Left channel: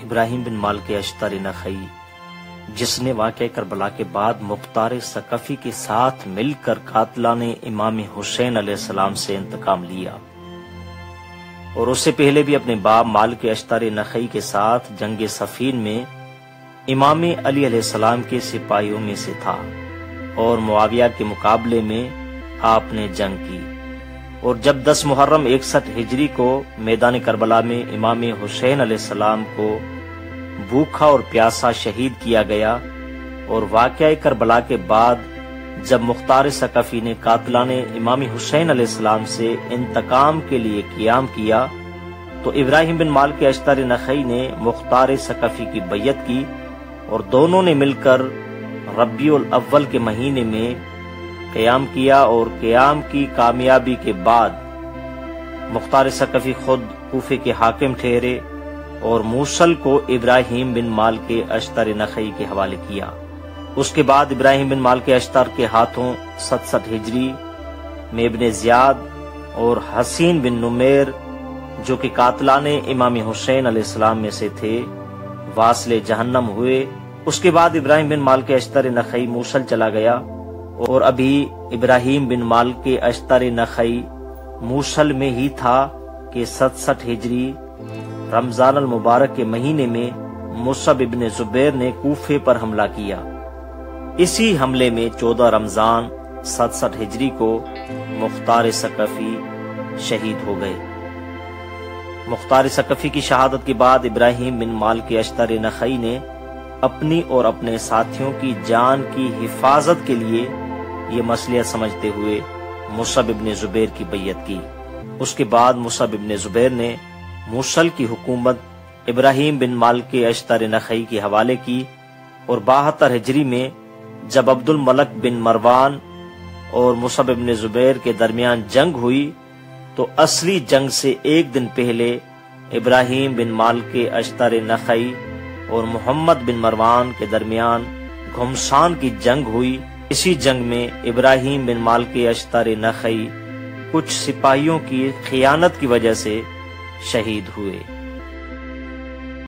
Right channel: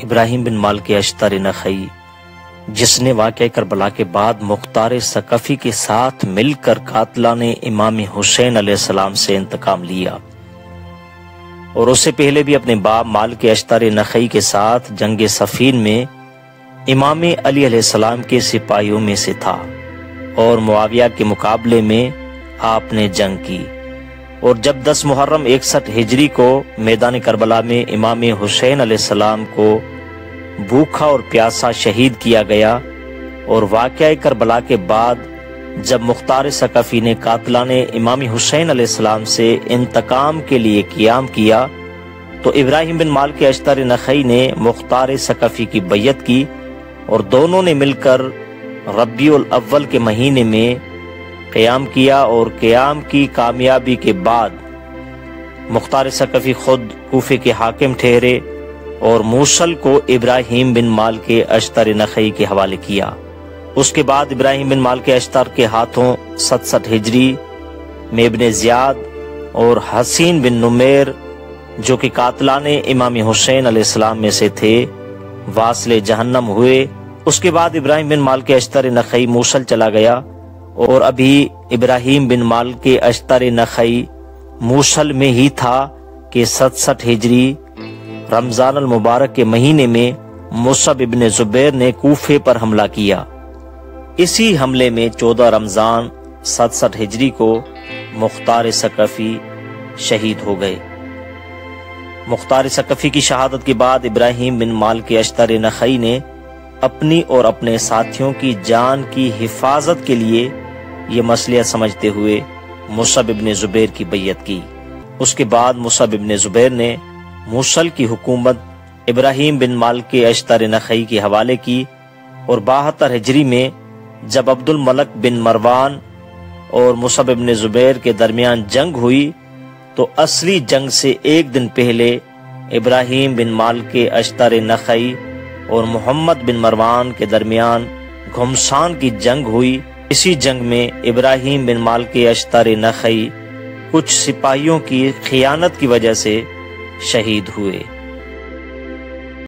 ابراہیم بن مالک اشتر نخعی، جس نے واقعہ کربلا کے بعد مختار ثقفی کے ساتھ مل کر قاتلان امام حسین علیہ السلام سے انتقام لیا، اور اس سے پہلے بھی اپنے باپ مالک اشتر نخعی کے ساتھ جنگ صفین میں امام علی علیہ السلام کے سپاہیوں میں سے تھا، اور معاویہ کے مقابلے میں آپ نے جنگ کی، اور جب 10 محرم 61 ہجری کو میدان کربلا میں امام حسین علیہ السلام کو بھوکا اور پیاسا شہید کیا گیا، اور واقعہ کربلا کے بعد جب مختار ثقفی نے قاتلان امام حسین علیہ السلام سے انتقام کے لیے قیام کیا، تو ابراہیم بن مالک اشتر نخعی نے مختار ثقفی کی بیعت کی، اور دونوں نے مل کر ربیع الاول کے مہینے میں قیام کیا، اور قیام کی کامیابی کے بعد مختار ثقفی خود کوفے کے حاکم ٹھہرے اور موصل کو ابراہیم بن مالک اشتر نخعی کے حوالے کیا۔ اس کے بعد ابراہیم بن مالک اشتر کے ہاتھوں 67 ہجری میں ابن زیاد اور حسین بن نمیر، جو کہ قاتلان امام حسین علیہ السلام میں سے تھے، واصل جہنم ہوئے۔ اس کے بعد ابراہیم بن مالک اشتر نخعی موصل چلا گیا، اور ابھی ابراہیم بن مالک اشتر نخعی موصل میں ہی تھا کہ 67 ہجری رمضان المبارک کے مہینے میں مصعب ابن زبیر نے کوفے پر حملہ کیا۔ اسی حملے میں 14 رمضان 67 ہجری کو مختار ثقفی شہید ہو گئے۔ مختار ثقفی کی شہادت کے بعد ابراہیم بن مالک اشتر نخعی نے اپنی اور اپنے ساتھیوں کی جان کی حفاظت کے لیے یہ مصلحت سمجھتے ہوئے مصعب ابن زبیر کی بیعت کی۔ اس کے بعد مصعب ابن زبیر نے موصل کی حکومت ابراہیم بن مالک اشتر نخعی کے حوالے کی، اور 72 ہجری میں جب عبد الملک بن مروان اور مصعب ابن زبیر کے درمیان جنگ ہوئی، تو اصلی جنگ سے ایک دن پہلے ابراہیم بن مالک اشتر نخعی اور محمد بن مروان کے درمیان گھمسان کی جنگ ہوئی۔ اسی جنگ میں ابراہیم بن مالک اشتر نخعی کچھ سپاہیوں کی خیانت کی وجہ سے شہید ہوئے۔